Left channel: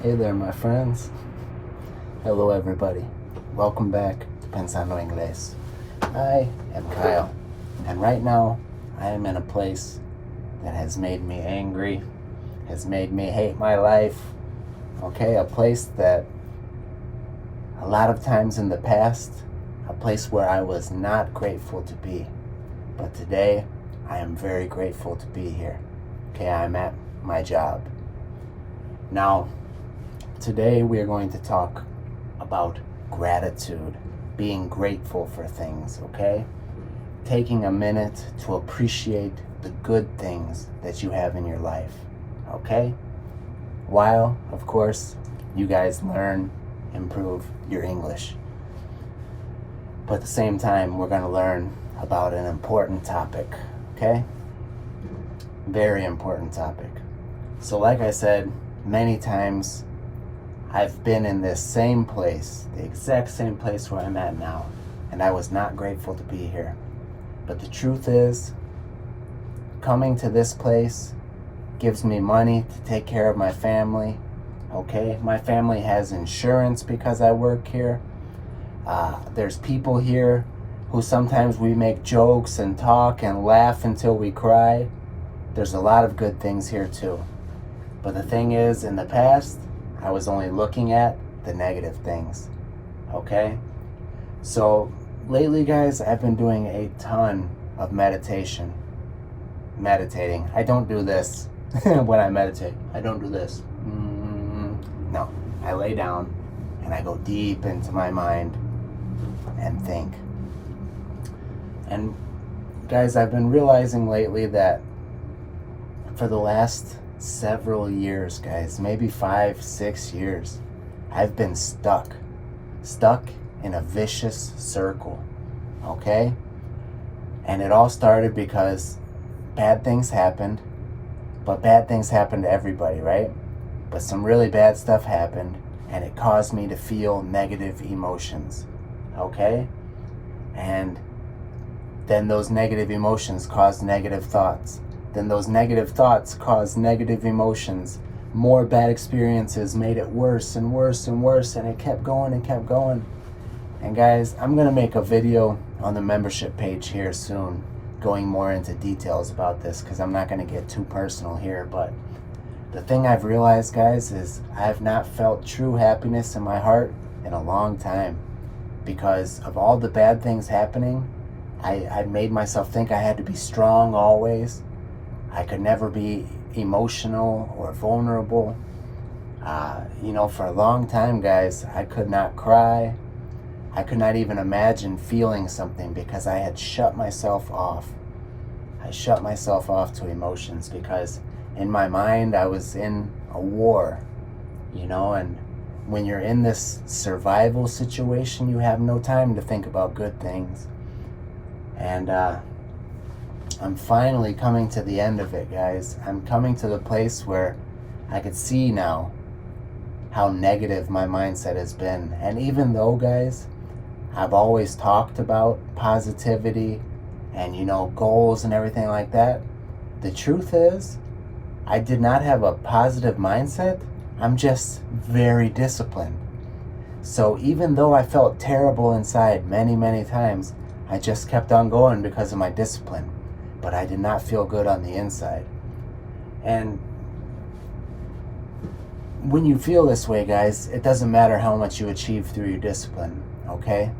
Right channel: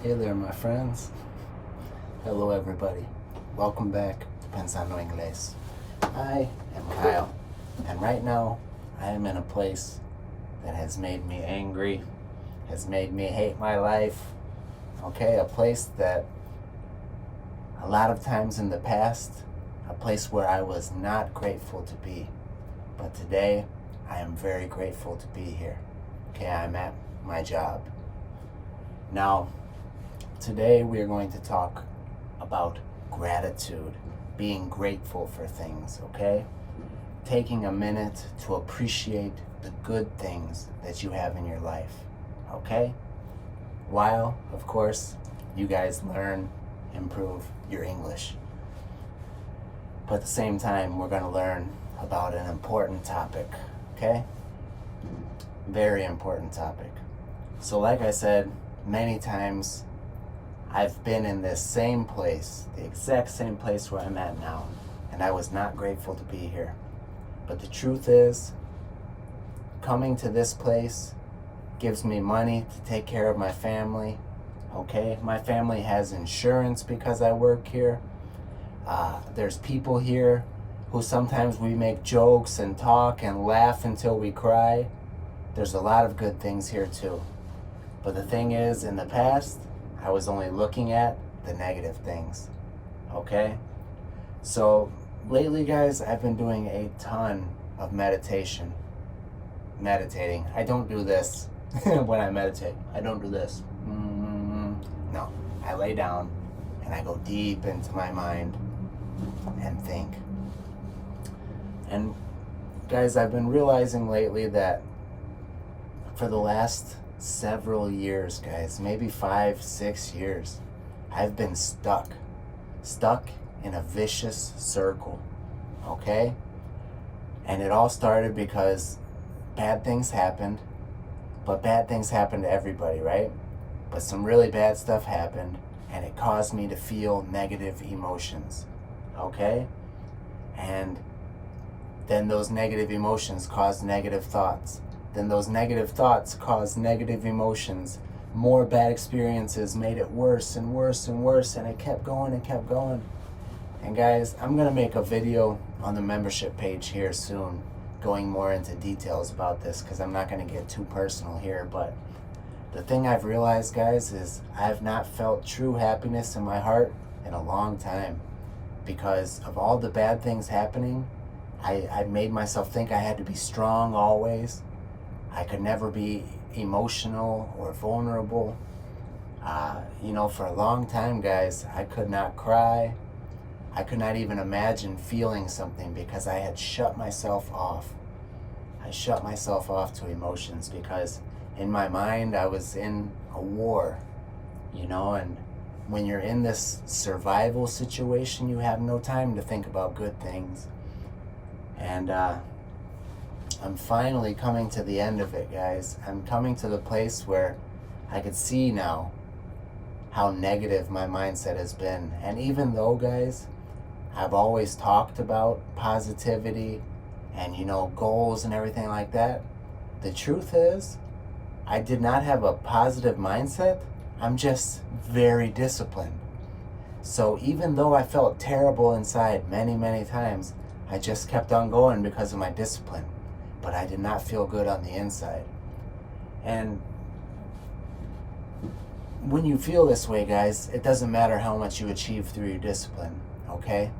Hey there, my friends. Hello, everybody. Welcome back to Pensando Inglés. I am Kyle, and right now I am in a place that has made me angry, has made me hate my life. Okay, a place that a lot of times in the past, a place where I was not grateful to be. But today, I am very grateful to be here. Okay, I'm at my job. Now, today we are going to talk about gratitude, being grateful for things, okay? Taking a minute to appreciate the good things that you have in your life, okay? While, of course, you guys learn, improve your English. But at the same time, we're going to learn about an important topic, okay? Very important topic. So like I said, many times I've been in this same place, the exact same place where I'm at now, and I was not grateful to be here. But the truth is, coming to this place gives me money to take care of my family, okay? My family has insurance because I work here. There's people here who sometimes we make jokes and talk and laugh until we cry. There's a lot of good things here too. But the thing is, in the past, I was only looking at the negative things, okay? So lately, guys, I've been doing a ton of meditating. I don't do this when I meditate. I don't do this. No, I lay down and I go deep into my mind and think. And guys, I've been realizing lately that for the last several years, guys, maybe 5-6 years, I've been stuck in a vicious circle, okay? And it all started because bad things happened, but bad things happen to everybody, right? But some really bad stuff happened, and it caused me to feel negative emotions, okay? And then those negative emotions caused negative thoughts. Then those negative thoughts caused negative emotions. More bad experiences made it worse and worse and worse, and it kept going and kept going. And guys, I'm gonna make a video on the membership page here soon, going more into details about this, because I'm not gonna get too personal here. But the thing I've realized, guys, is I've not felt true happiness in my heart in a long time. Because of all the bad things happening, I made myself think I had to be strong always. I could never be emotional or vulnerable. For a long time, guys, I could not cry. I could not even imagine feeling something because I had shut myself off. I shut myself off to emotions because in my mind I was in a war, and when you're in this survival situation, you have no time to think about good things. And I'm finally coming to the end of it, guys. I'm coming to the place where I could see now how negative my mindset has been. And even though, guys, I've always talked about positivity and, goals and everything like that, the truth is, I did not have a positive mindset. I'm just very disciplined. So even though I felt terrible inside many, many times, I just kept on going because of my discipline. But I did not feel good on the inside. And when you feel this way, guys, it doesn't matter how much you achieve through your discipline, okay?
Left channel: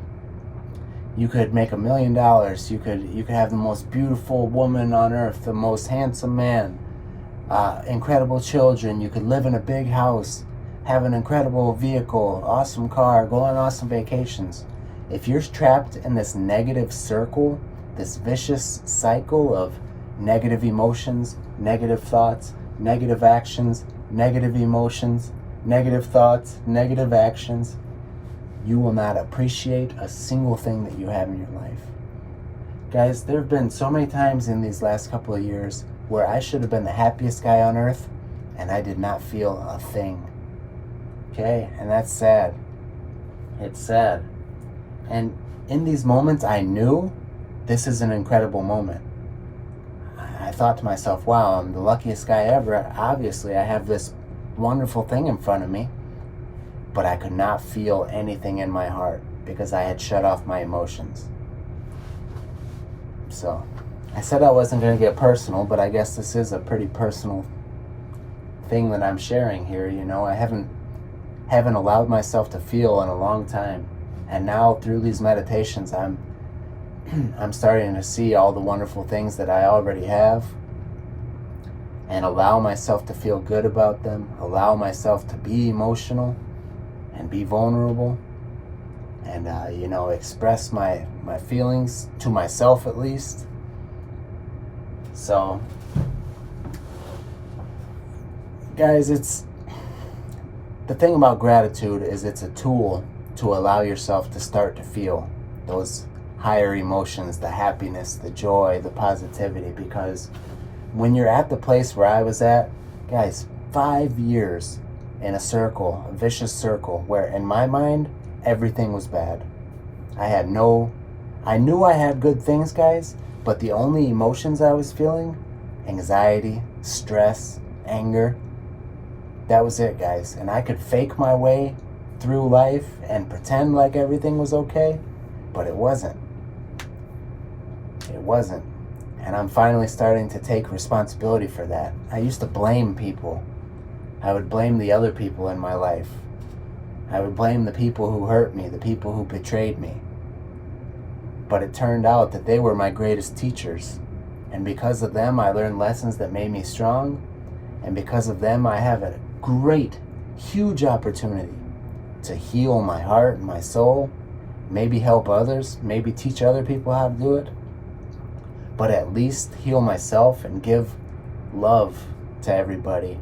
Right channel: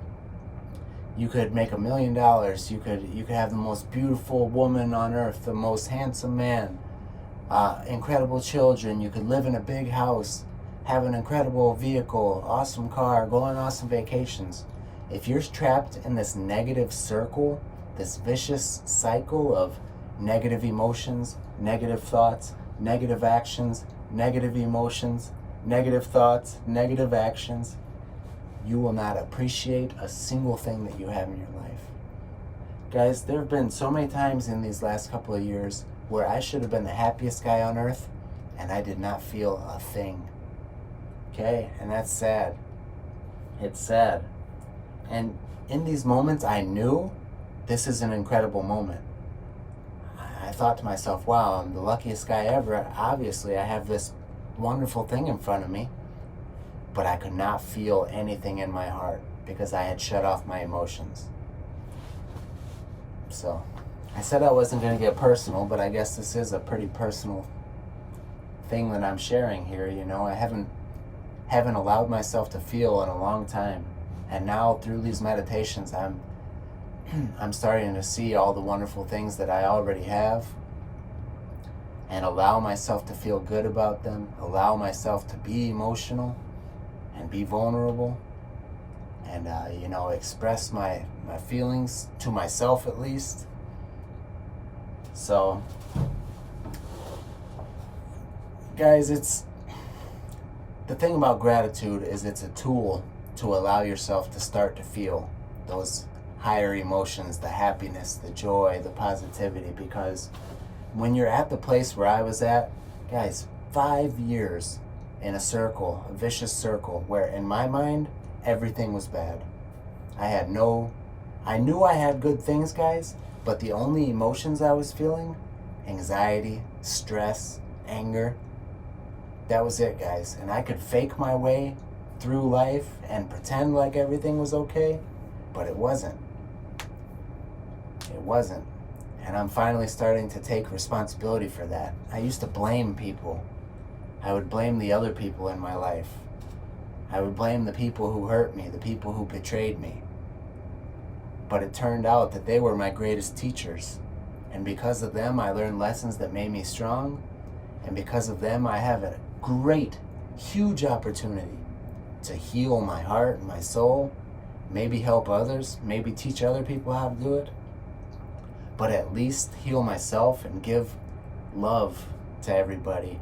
You could make $1 million. You could have the most beautiful woman on earth, the most handsome man, incredible children. You could live in a big house, have an incredible vehicle, awesome car, go on awesome vacations. If you're trapped in this negative circle, this vicious cycle of negative emotions, negative thoughts, negative actions, negative emotions, negative thoughts, negative actions, you will not appreciate a single thing that you have in your life. Guys, there have been so many times in these last couple of years where I should have been the happiest guy on earth and I did not feel a thing. Okay, and that's sad. It's sad. And in these moments, I knew this is an incredible moment. I thought to myself, wow, I'm the luckiest guy ever. Obviously, I have this wonderful thing in front of me, but I could not feel anything in my heart because I had shut off my emotions. So I said I wasn't going to get personal, but I guess this is a pretty personal thing that I'm sharing here. You know, I haven't allowed myself to feel in a long time, and now through these meditations I'm starting to see all the wonderful things that I already have and allow myself to feel good about them, allow myself to be emotional and be vulnerable, and express my feelings to myself at least. So guys, the thing about gratitude is it's a tool to allow yourself to start to feel those higher emotions, the happiness, the joy, the positivity, because when you're at the place where I was at, guys, 5 years in a circle, a vicious circle, where in my mind, everything was bad. I knew I had good things, guys, but the only emotions I was feeling, anxiety, stress, anger, that was it, guys. And I could fake my way through life and pretend like everything was okay, but it wasn't. It wasn't. And I'm finally starting to take responsibility for that. I used to blame people. I would blame the other people in my life. I would blame the people who hurt me, the people who betrayed me. But it turned out that they were my greatest teachers. And because of them, I learned lessons that made me strong. And because of them, I have a great, huge opportunity to heal my heart and my soul, maybe help others, maybe teach other people how to do it, but at least heal myself and give love to everybody.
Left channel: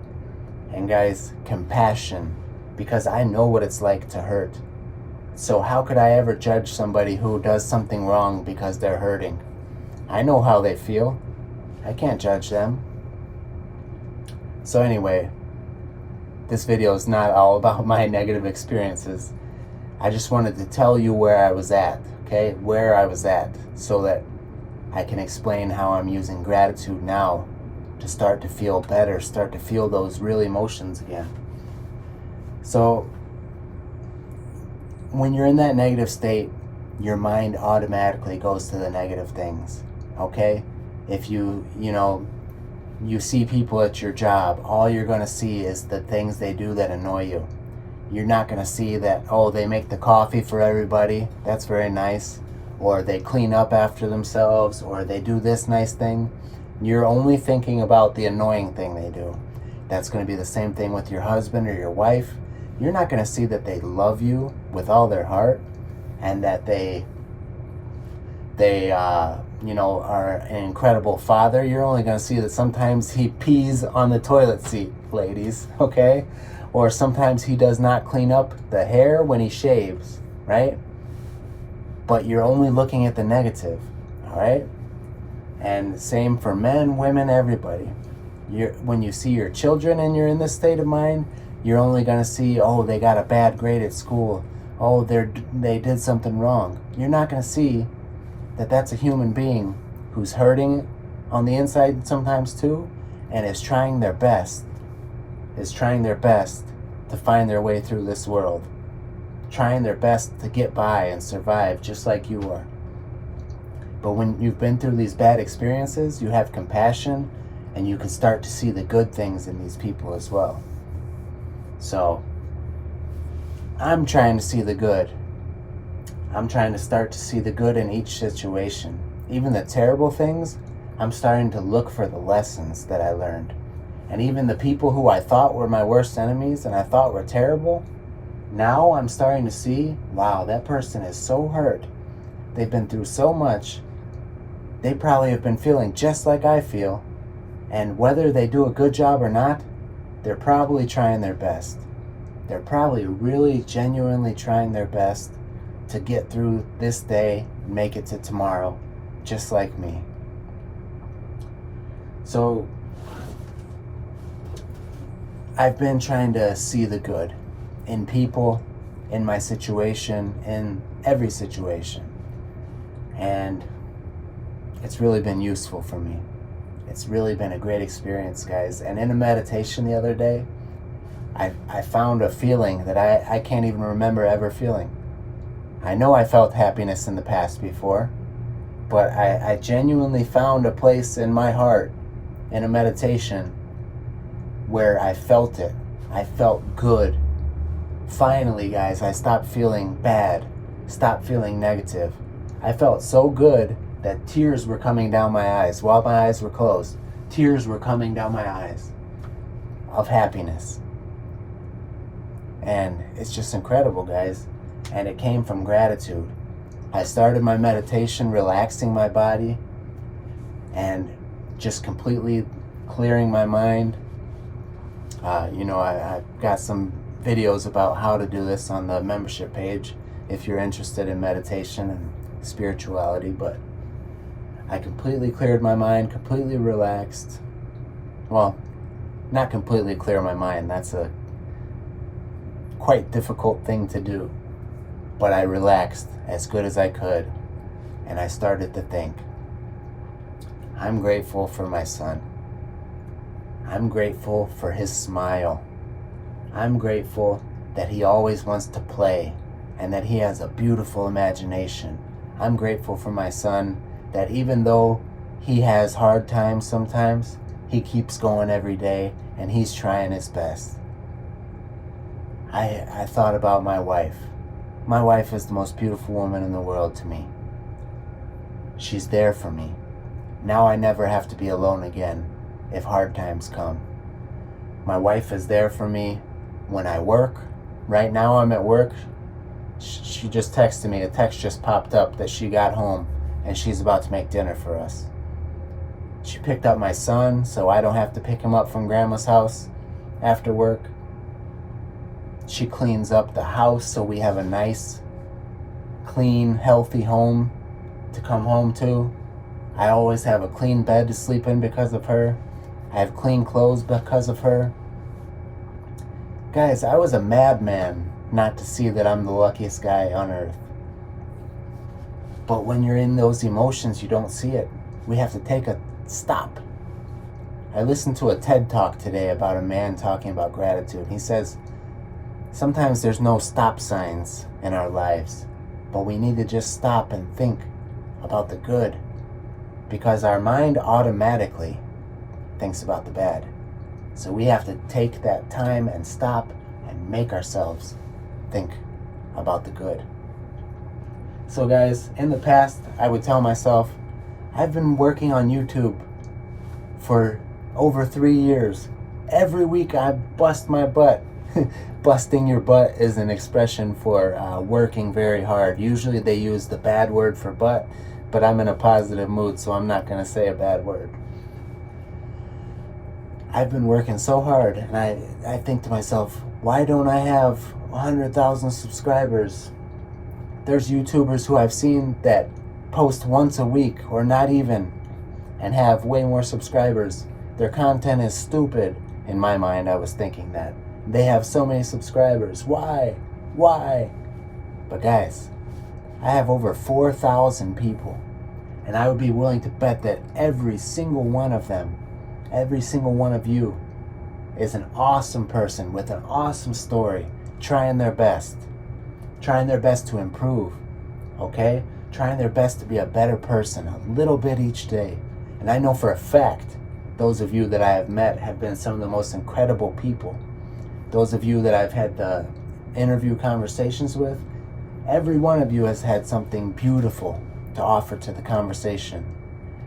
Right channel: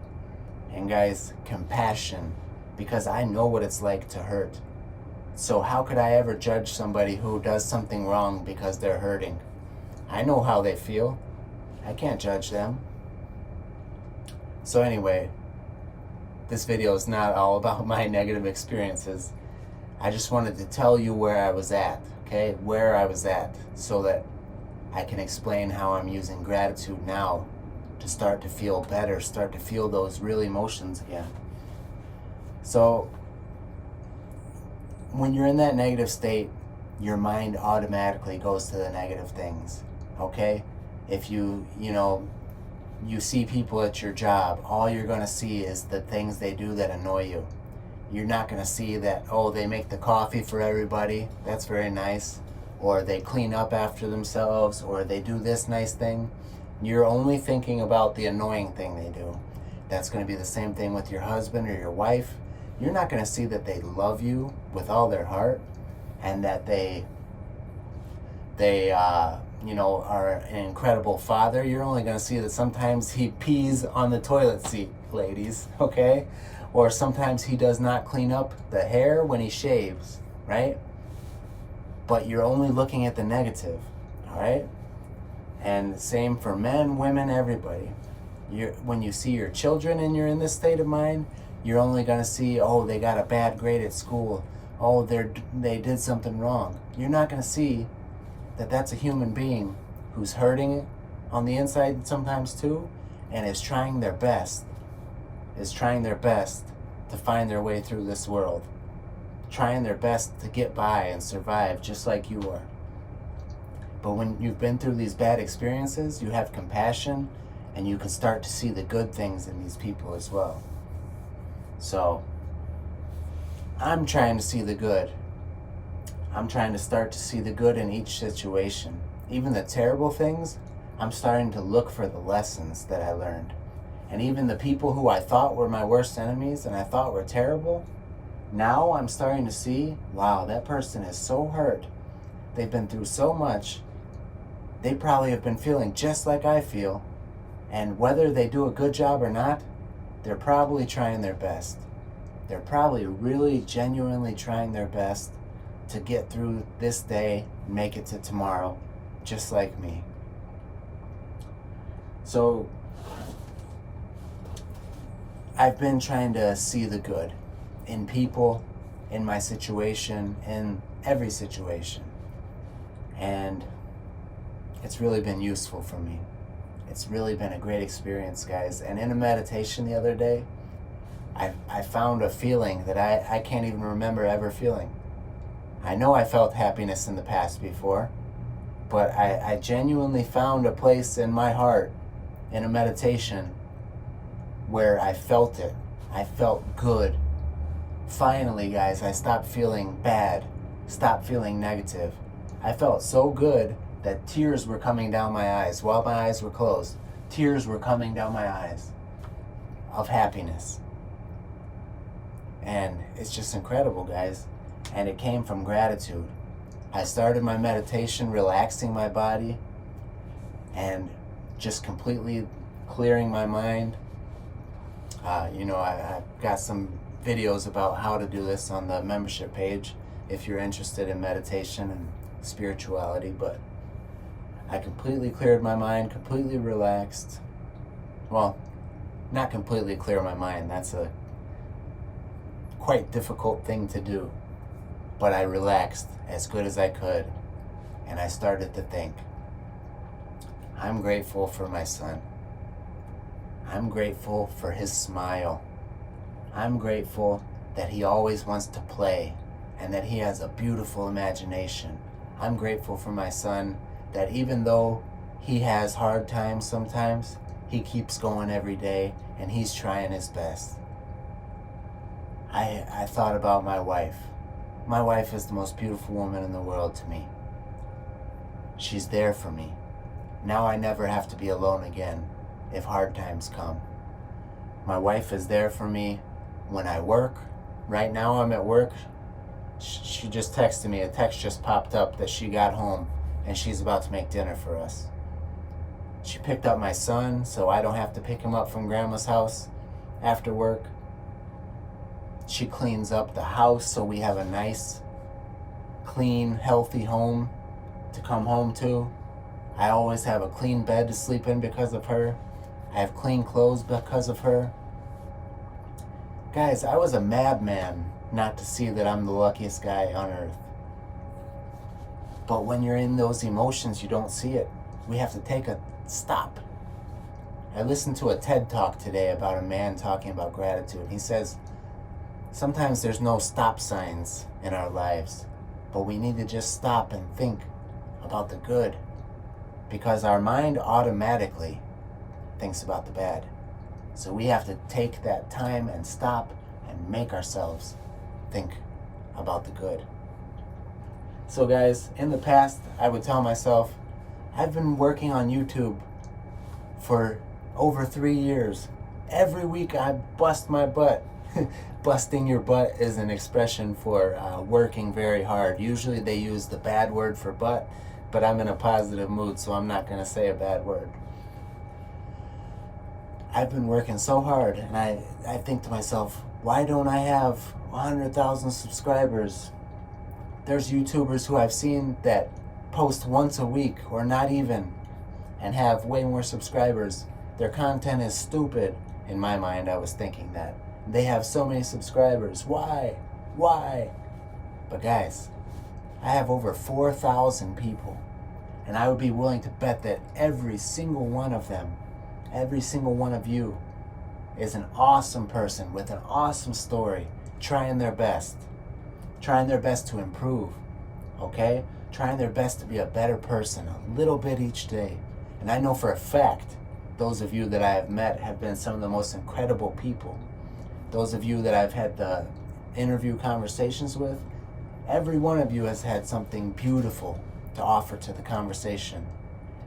And guys, compassion, because I know what it's like to hurt. So how could I ever judge somebody who does something wrong because they're hurting? I know how they feel. I can't judge them. So anyway, this video is not all about my negative experiences. I just wanted to tell you where I was at, okay? Where I was at, so that I can explain how I'm using gratitude now to start to feel better, start to feel those real emotions again. So when you're in that negative state, your mind automatically goes to the negative things, okay? If you see people at your job, all you're going to see is the things they do that annoy you. You're not going to see that, oh, they make the coffee for everybody, that's very nice, or they clean up after themselves, or they do this nice thing. You're only thinking about the annoying thing they do. That's going to be the same thing with your husband or your wife. You're not going to see that they love you with all their heart, and that they are an incredible father. You're only going to see that sometimes he pees on the toilet seat, ladies, okay? Or sometimes he does not clean up the hair when he shaves, right? But you're only looking at the negative, all right? And same for men, women, everybody. When you see your children and you're in this state of mind, you're only going to see, oh, they got a bad grade at school. Oh, they did something wrong. You're not going to see that that's a human being who's hurting on the inside sometimes too, and is trying their best to find their way through this world, trying their best to get by and survive just like you are. But when you've been through these bad experiences, you have compassion, and you can start to see the good things in these people as well. So I'm trying to see the good. I'm trying to start to see the good in each situation. Even the terrible things, I'm starting to look for the lessons that I learned. And even the people who I thought were my worst enemies and I thought were terrible, now I'm starting to see, wow, that person is so hurt. They've been through so much. They probably have been feeling just like I feel. And whether they do a good job or not, they're probably trying their best. They're probably really genuinely trying their best to get through this day and make it to tomorrow, just like me. So I've been trying to see the good in people, in my situation, in every situation. And it's really been useful for me. It's really been a great experience, guys. And in a meditation the other day, I found a feeling that I can't even remember ever feeling. I know I felt happiness in the past before, but I genuinely found a place in my heart in a meditation where I felt it. I felt good. Finally, guys, I stopped feeling bad, stopped feeling negative. I felt so good that tears were coming down my eyes while my eyes were closed. Tears were coming down my eyes of happiness. And it's just incredible, guys. And it came from gratitude. I started my meditation relaxing my body and just completely clearing my mind. I've got some videos about how to do this on the membership page if you're interested in meditation and spirituality, but I completely cleared my mind, completely relaxed. Well, not completely clear my mind. That's a quite difficult thing to do. But I relaxed as good as I could, and I started to think. I'm grateful for my son. I'm grateful for his smile. I'm grateful that he always wants to play and that he has a beautiful imagination. I'm grateful for my son that even though he has hard times sometimes, he keeps going every day and he's trying his best. I thought about my wife. My wife is the most beautiful woman in the world to me. She's there for me. Now I never have to be alone again if hard times come. My wife is there for me when I work. Right now I'm at work. She just texted me. A text just popped up that she got home and she's about to make dinner for us. She picked up my son so I don't have to pick him up from grandma's house after work. She cleans up the house so we have a nice, clean, healthy home to come home to. I always have a clean bed to sleep in because of her. I have clean clothes because of her. Guys, I was a madman not to see that I'm the luckiest guy on earth. But when you're in those emotions, you don't see it. We have to take a stop. I listened to a TED Talk today about a man talking about gratitude. He says, sometimes there's no stop signs in our lives, but we need to just stop and think about the good, because our mind automatically thinks about the bad. So we have to take that time and stop and make ourselves think about the good. So guys, in the past, I would tell myself, I've been working on YouTube for over 3 years. Every week I bust my butt. Busting your butt is an expression for working very hard. Usually they use the bad word for butt, but I'm in a positive mood, so I'm not going to say a bad word. I've been working so hard, and I think to myself, why don't I have 100,000 subscribers? There's YouTubers who I've seen that post once a week or not even and have way more subscribers. Their content is stupid. In my mind, I was thinking that. They have so many subscribers. Why? But guys, I have over 4,000 people, and I would be willing to bet that every single one of them, every single one of you, is an awesome person with an awesome story, trying their best to improve, okay? Trying their best to be a better person, a little bit each day. And I know for a fact, those of you that I have met have been some of the most incredible people. Those of you that I've had the interview conversations with, every one of you has had something beautiful to offer to the conversation.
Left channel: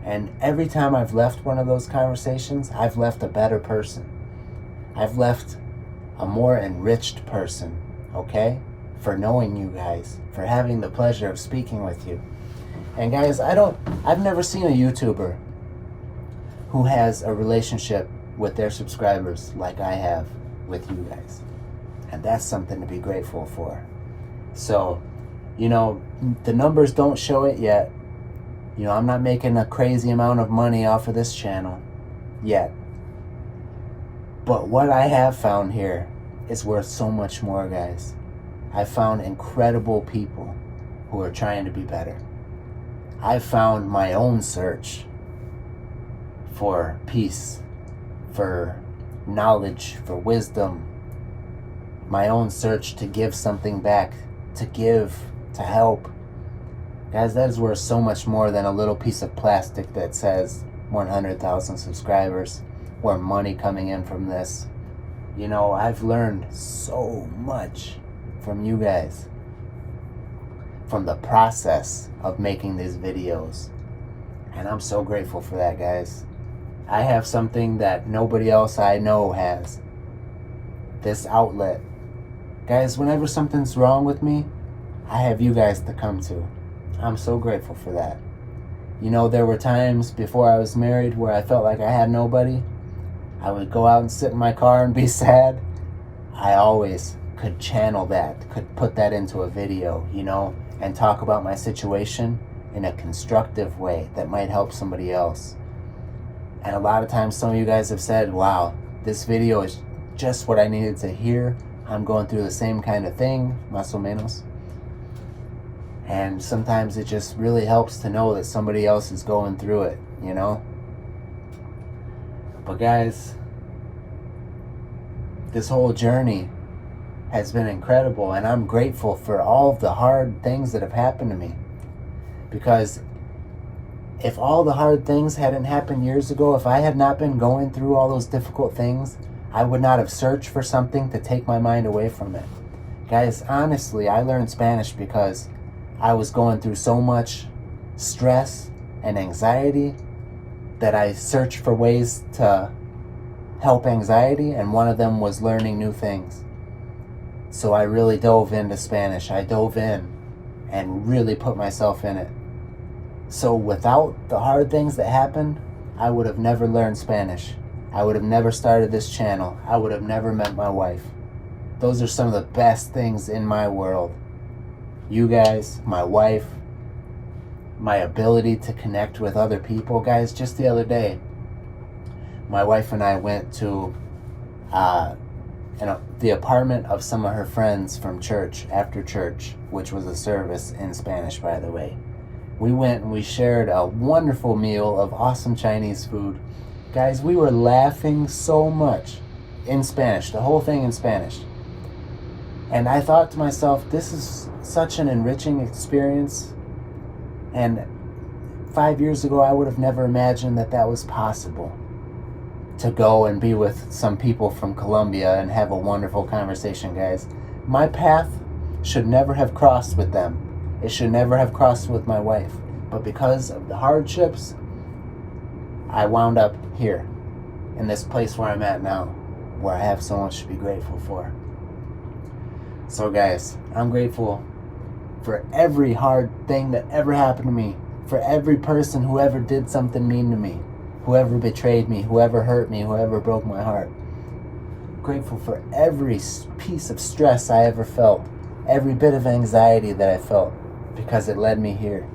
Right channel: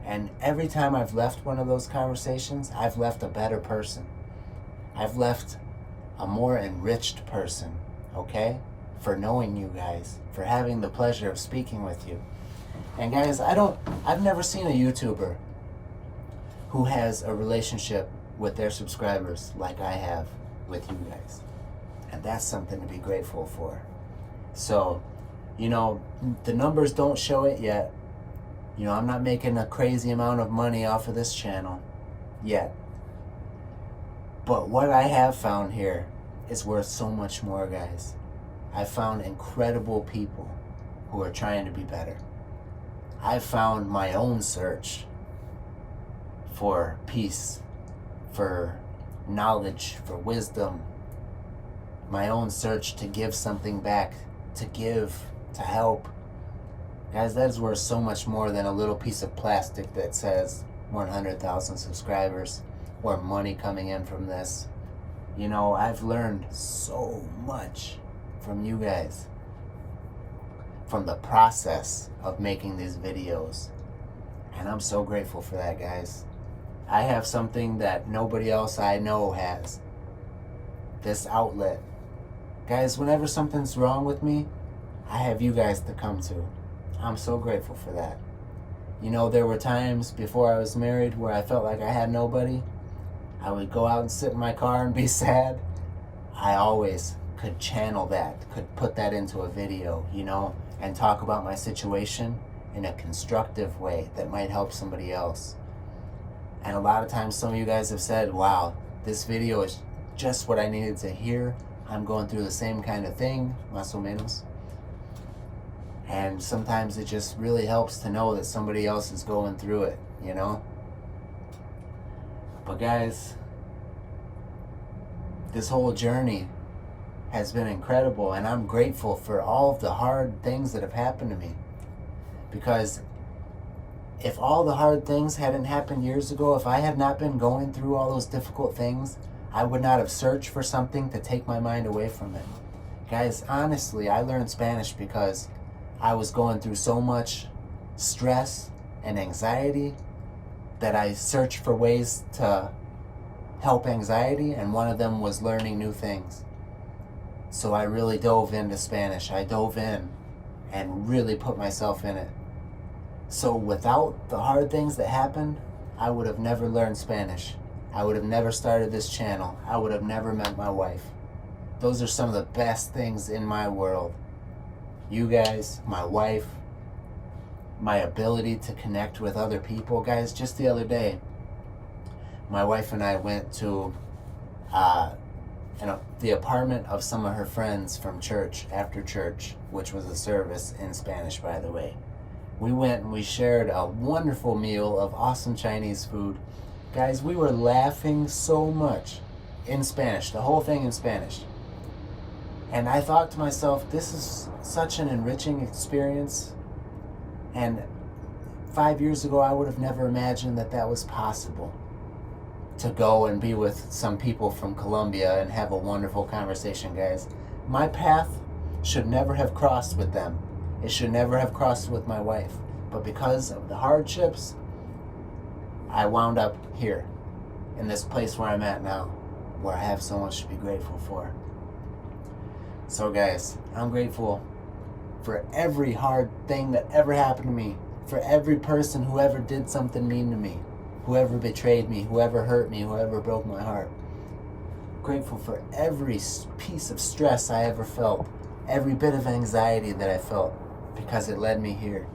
And every time I've left one of those conversations, I've left a better person. I've left a more enriched person, okay? For knowing you guys, for having the pleasure of speaking with you. And guys, I've never seen a YouTuber who has a relationship with their subscribers like I have with you guys. And that's something to be grateful for. So, the numbers don't show it yet. I'm not making a crazy amount of money off of this channel yet. But what I have found here is worth so much more, guys. I've found incredible people who are trying to be better. I've found my own search for peace, for knowledge, for wisdom, my own search to give something back, to give, to help. Guys, that is worth so much more than a little piece of plastic that says 100,000 subscribers or money coming in from this. You know, I've learned so much from you guys, from the process of making these videos. And I'm so grateful for that, guys. I have something that nobody else I know has. This outlet. Guys, whenever something's wrong with me, I have you guys to come to. I'm so grateful for that. You know, there were times before I was married where I felt like I had nobody. I would go out and sit in my car and be sad. I always could channel that, could put that into a video, you know, and talk about my situation in a constructive way that might help somebody else. And a lot of times some of you guys have said, wow, this video is just what I needed to hear. I'm going through the same kind of thing, más o menos. And sometimes it just really helps to know that somebody else is going through it, you know? But guys, this whole journey has been incredible, and I'm grateful for all of the hard things that have happened to me. Because if all the hard things hadn't happened years ago, if I had not been going through all those difficult things, I would not have searched for something to take my mind away from it. Guys, honestly, I learned Spanish because I was going through so much stress and anxiety that I searched for ways to help anxiety, and one of them was learning new things. So I really dove into Spanish. I dove in and really put myself in it. So without the hard things that happened, I would have never learned Spanish. I would have never started this channel. I would have never met my wife. Those are some of the best things in my world. You guys, my wife, my ability to connect with other people. Guys, just the other day, my wife and I went to the apartment of some of her friends from church, after church, which was a service in Spanish, by the way. We went and we shared a wonderful meal of awesome Chinese food. Guys, we were laughing so much in Spanish, the whole thing in Spanish. And I thought to myself, this is such an enriching experience. And 5 years ago, I would have never imagined that that was possible. To go and be with some people from Colombia and have a wonderful conversation, guys. My path should never have crossed with them. It should never have crossed with my wife. But because of the hardships, I wound up here, in this place where I'm at now, where I have so much to be grateful for. So guys, I'm grateful for every hard thing that ever happened to me, for every person who ever did something mean to me, whoever betrayed me, whoever hurt me, whoever broke my heart. Grateful for every piece of stress I ever felt, every bit of anxiety that I felt, because it led me here.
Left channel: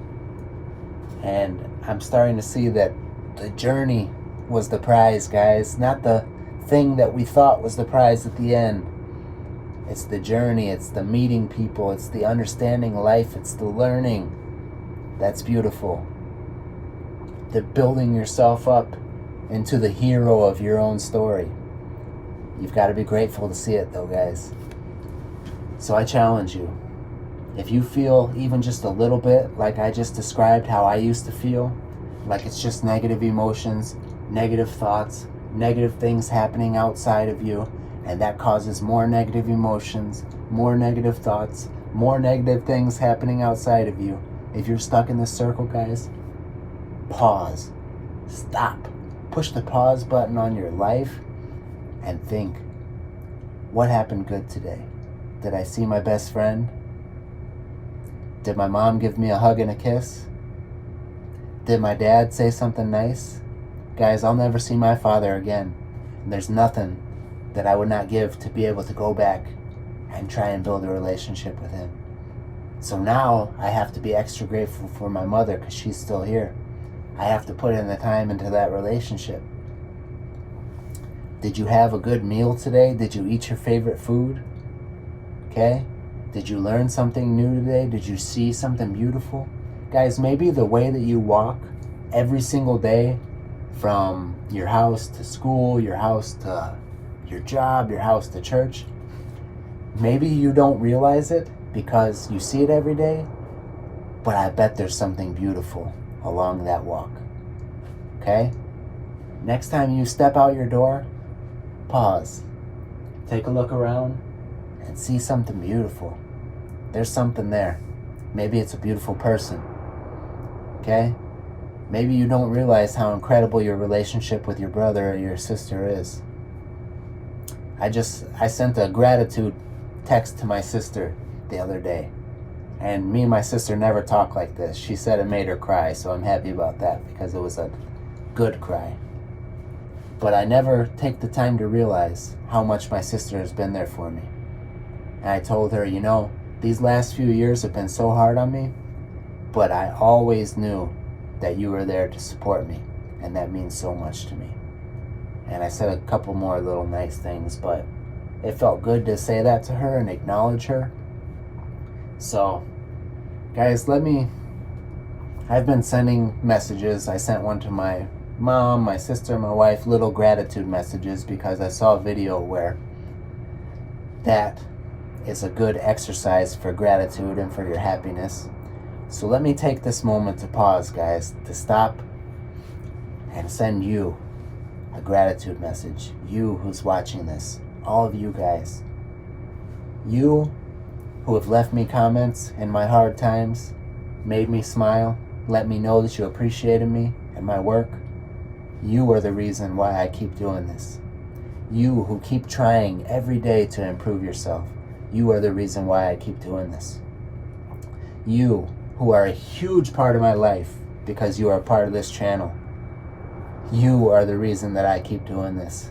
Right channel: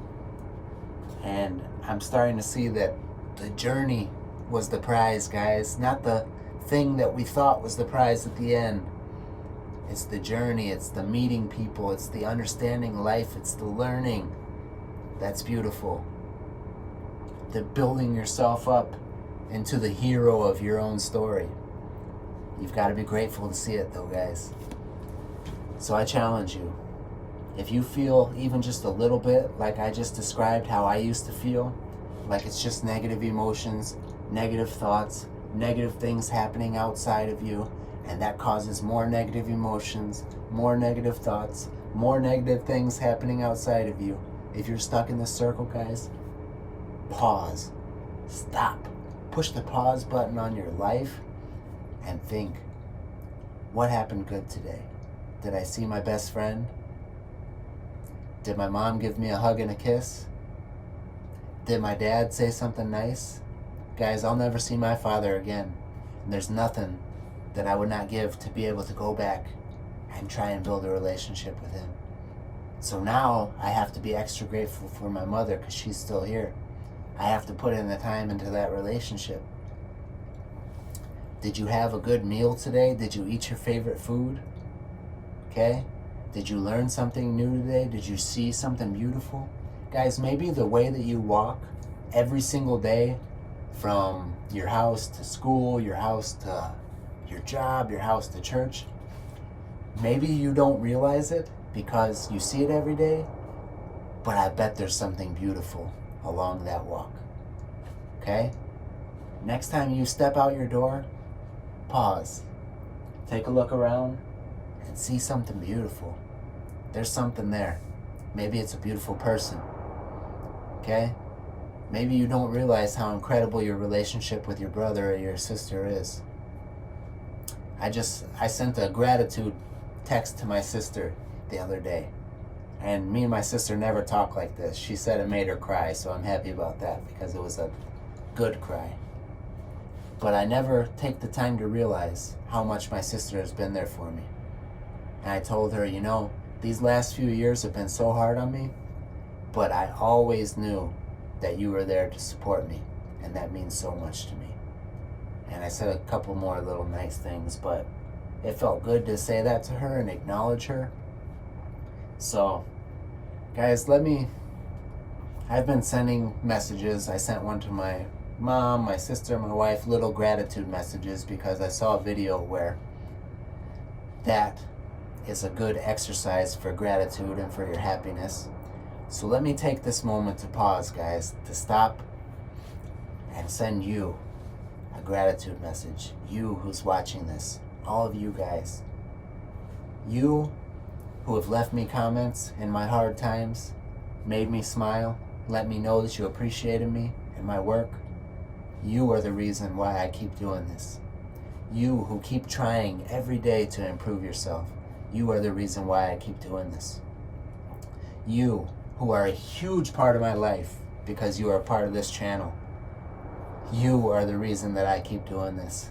And I'm starting to see that the journey was the prize, guys, not the thing that we thought was the prize at the end. It's the journey, it's the meeting people, it's the understanding life, it's the learning. That's beautiful. The building yourself up into the hero of your own story. You've got to be grateful to see it though, guys. So I challenge you, if you feel even just a little bit like I just described how I used to feel, like it's just negative emotions, negative thoughts, negative things happening outside of you, and that causes more negative emotions, more negative thoughts, more negative things happening outside of you. If you're stuck in this circle, guys, pause, stop, push the pause button on your life and think, what happened good today? Did I see my best friend? Did my mom give me a hug and a kiss? Did my dad say something nice? Guys, I'll never see my father again. And there's nothing that I would not give to be able to go back and try and build a relationship with him. So now I have to be extra grateful for my mother because she's still here. I have to put in the time into that relationship. Did you have a good meal today? Did you eat your favorite food? Okay? Did you learn something new today? Did you see something beautiful? Guys, maybe the way that you walk every single day from your house to school, your house to your job, your house to church, Maybe you don't realize it because you see it every day, but I bet there's something beautiful along that walk. Okay? Next time you step out your door, pause. Take a look around and see something beautiful. There's something there. Maybe it's a beautiful person. Okay? Maybe you don't realize how incredible your relationship with your brother or your sister is. I sent a gratitude text to my sister the other day. And me and my sister never talk like this. She said it made her cry, so I'm happy about that because it was a good cry. But I never take the time to realize how much my sister has been there for me. And I told her, you know, these last few years have been so hard on me, but I always knew that you were there to support me, and that means so much to me. And I said a couple more little nice things, but it felt good to say that to her and acknowledge her. So, guys, I've been sending messages. I sent one to my mom, my sister, my wife, little gratitude messages, because I saw a video where that is a good exercise for gratitude and for your happiness. So let me take this moment to pause, guys, to stop and send you a gratitude message. You who's watching this, all of you guys. You who have left me comments in my hard times, made me smile, let me know that you appreciated me and my work. You are the reason why I keep doing this. You who keep trying every day to improve yourself. You are the reason why I keep doing this. You who are a huge part of my life because you are part of this channel. You are the reason that I keep doing this.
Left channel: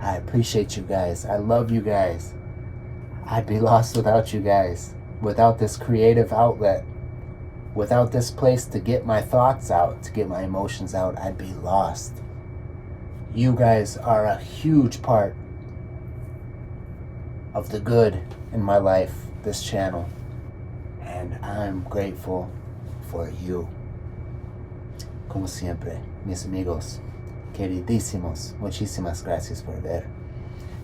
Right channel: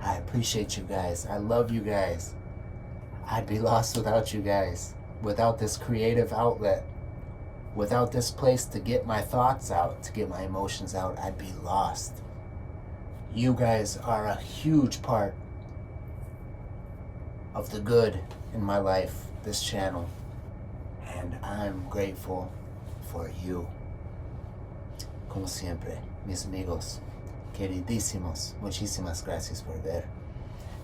I appreciate you guys. I love you guys. I'd be lost without you guys. Without this creative outlet. Without this place to get my thoughts out, to get my emotions out, I'd be lost. You guys are a huge part of the good in my life, this channel. And I'm grateful for you. Como siempre, mis amigos, queridísimos, muchísimas gracias por ver.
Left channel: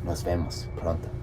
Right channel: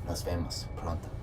Nos vemos pronto.